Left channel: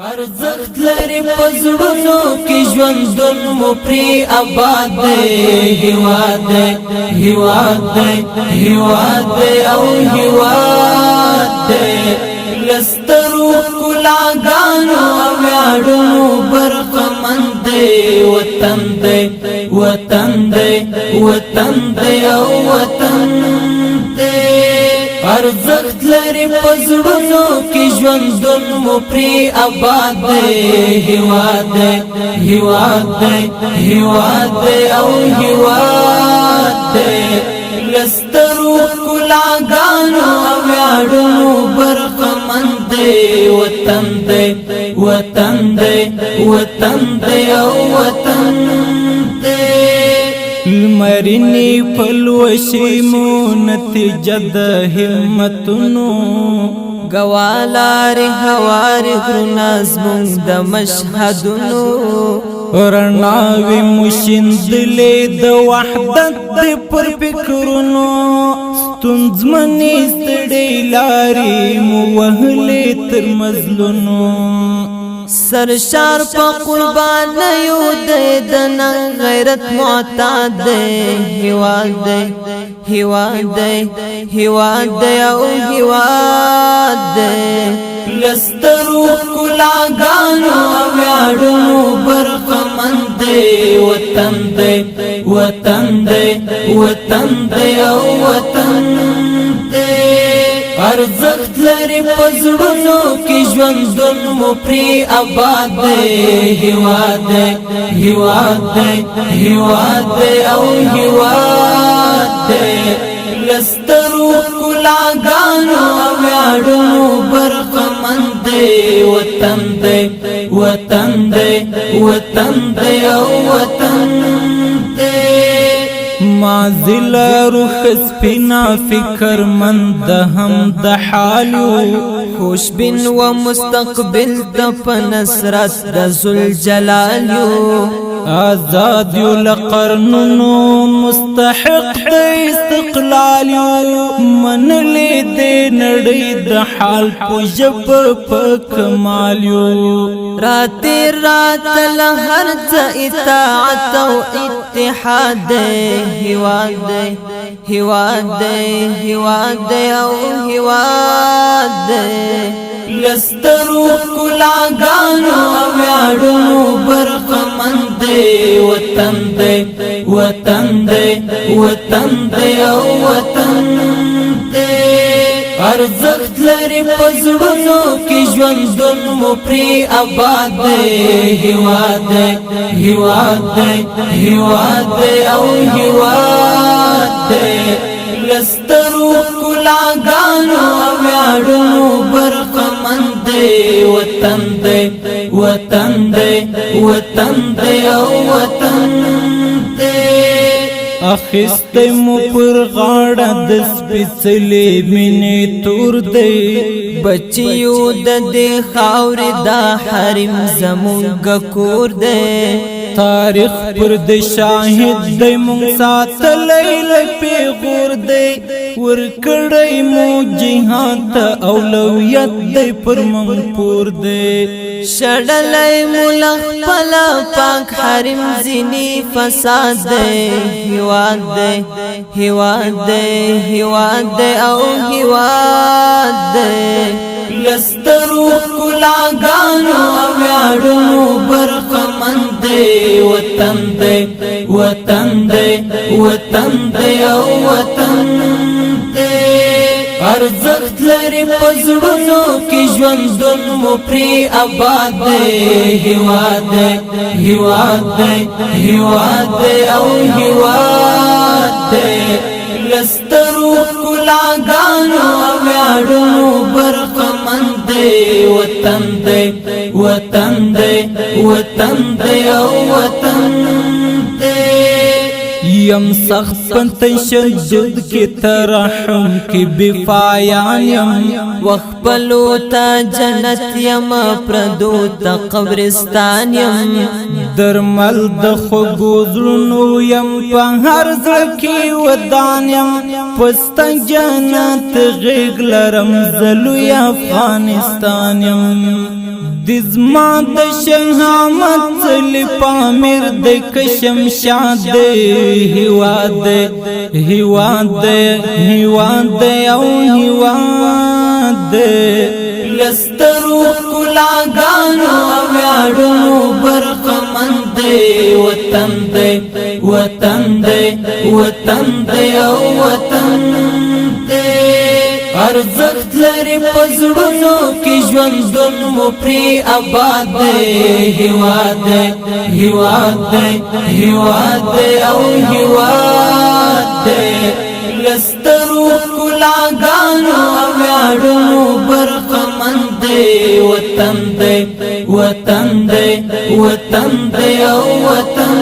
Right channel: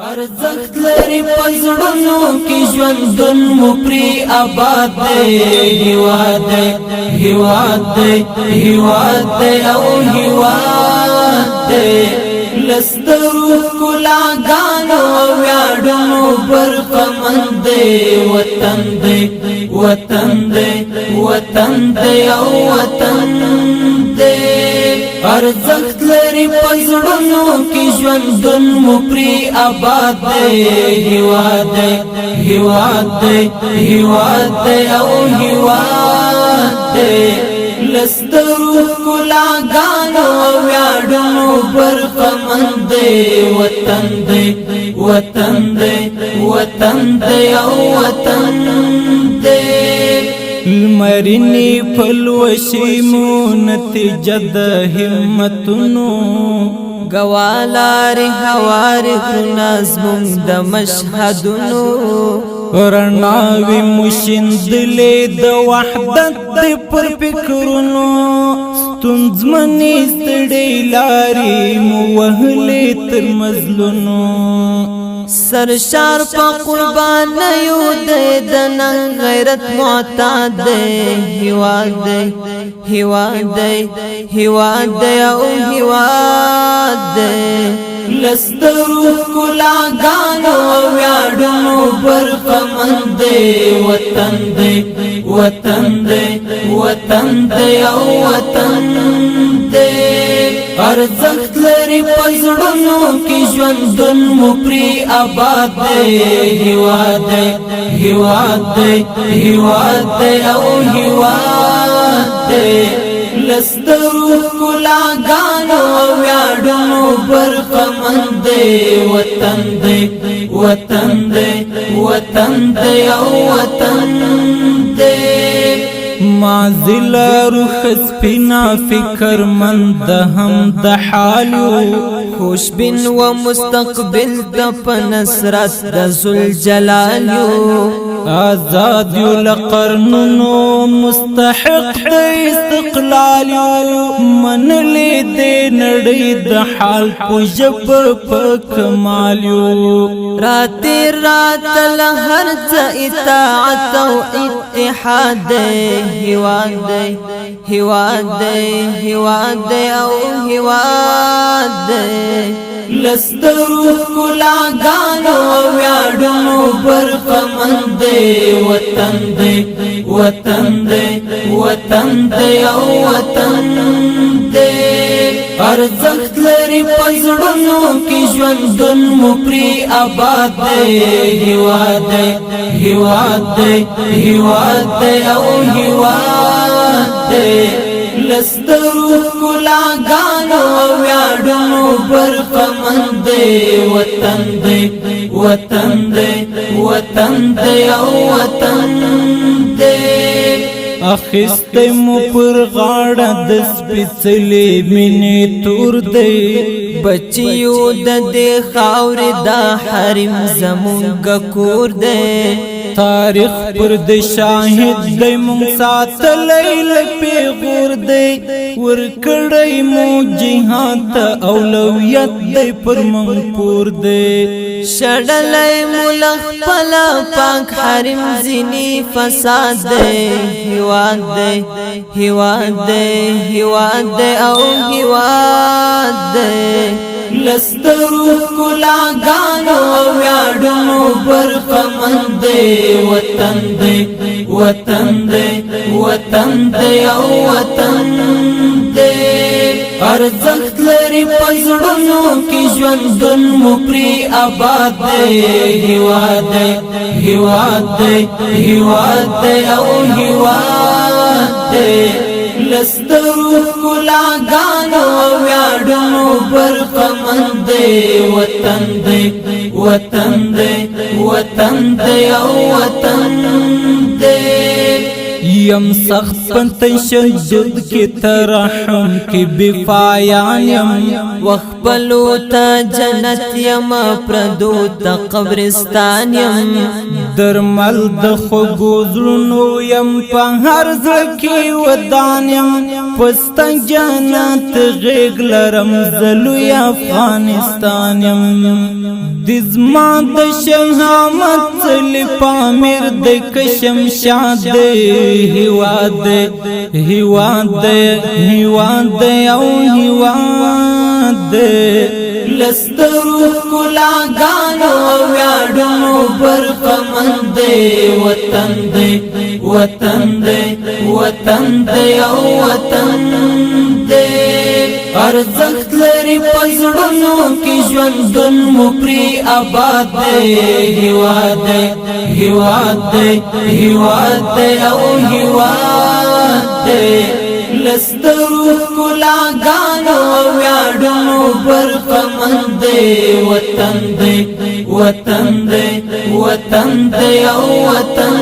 ارزخت لري پزړونو کې ژوندون مو پری آباد دی هیواد دی هیواد دی هیواد دی او هیواد دی لسترو کلاګانو ویاړو برخمند دی وطن دی وطن دی وطن دی او وطن دی ارزخت لري پزړونو کې ژوندون مو پری آباد دی هیواد دی هیواد دی هیواد دی او هیواد دی لسترو کلاګانو ویاړو برخمند دی وطن دی وطن دی وطن دی او وطن دی المرنی پلوشی مو نتیجه د همتونو گوالار هوار غرناز مونږ د مشهدونو رڼاوي مشندلې د وحدت د پر فکرونو ستونزمنې ستړې لارې مو وهلې تر مزلونو سرشار په قربان یو د نن غیرت معتاد دی هیواد دی هیواد دی هیواد دی او هیواد دی لسترو کلاګانو ویاړو برخمند دی وطن دی وطن دی وطن دی او وطن دی ارزخت لري پزړونو کې ژوندون مو پری آباد دی هیواد دی هیواد دی هیواد دی او هیواد دی لسترو کلاګانو ویاړو برخمند دی وطن دی وطن دی وطن دی او وطن دی مازل روح سپینا فکر مند هم د حالو خوشبین و مستقبل د پنصرت د ذوالجلالیو آزاد یو لقرنونو مستحق د استقلال یو منلې د نړۍ د حال په ژب په کمال یو رات رات لهر څه اطاعت او اتحاد دی هیواد دی هیواد دی هیواد دی او هیواد دی لسترو کلاګانو ویاړو برخمند دی وطن دی وطن دی وطن دی او وطن دی ارزخت لري پزړونو کې ژوندون مو پری آباد دی هیواد دی هیواد دی هیواد دی او هیواد دی لسترو کلاګانو ویاړو برخمند دی وطن دی وطن دی وطن دی او وطن دی اخست مو پر غاړه د سپېڅلې مینې تور دی بچیو د دې خاورې دا حرم زمونږ کور دی تاریخ پر د شاهد دی مونږ ساتلی له پیغور دی ورکړی مو جهاد ته اولویت دی پر مونږ پور دی شړلی ملخ پلا پاک حرم زینی فساد دی هیواد دی هیواد دی هیواد دی او هیواد دی لسترو کلاګانو ویاړو برخمند دی وطن دی وطن دی وطن دی او وطن دی ارزخت لري پزړونو کې ژوندون مو پری آباد دی هیواد دی هیواد دی هیواد دی او هیواد دی لسترو کلاګانو ویاړو برخمند دی وطن دی وطن دی وطن دی او وطن دی یم سخت پن تشدد کی ترحم کی بفایان یم وخپلو تا جنت یم پردو تا قبرستان یم درمل د خوږو زړونو یم په هر زړه کې ودان یم پستا جنت غېږ لرم زلوی افغانستان یم دزما د شهامت څلی پامیر د کشمشاد هیواد هیواد هیواد او هیواد لسترو کلاګانو ویاړو برخمند وطن دی وطن دی وطن دی او وطن دی ارزخت لري پزړونو کې ژوندون مو پری آباد دی هیواد دی هیواد دی هیواد دی او هیواد دی لسترو کلاګانو ویاړو برخمند وطن دی وطن دی وطن دی او وطن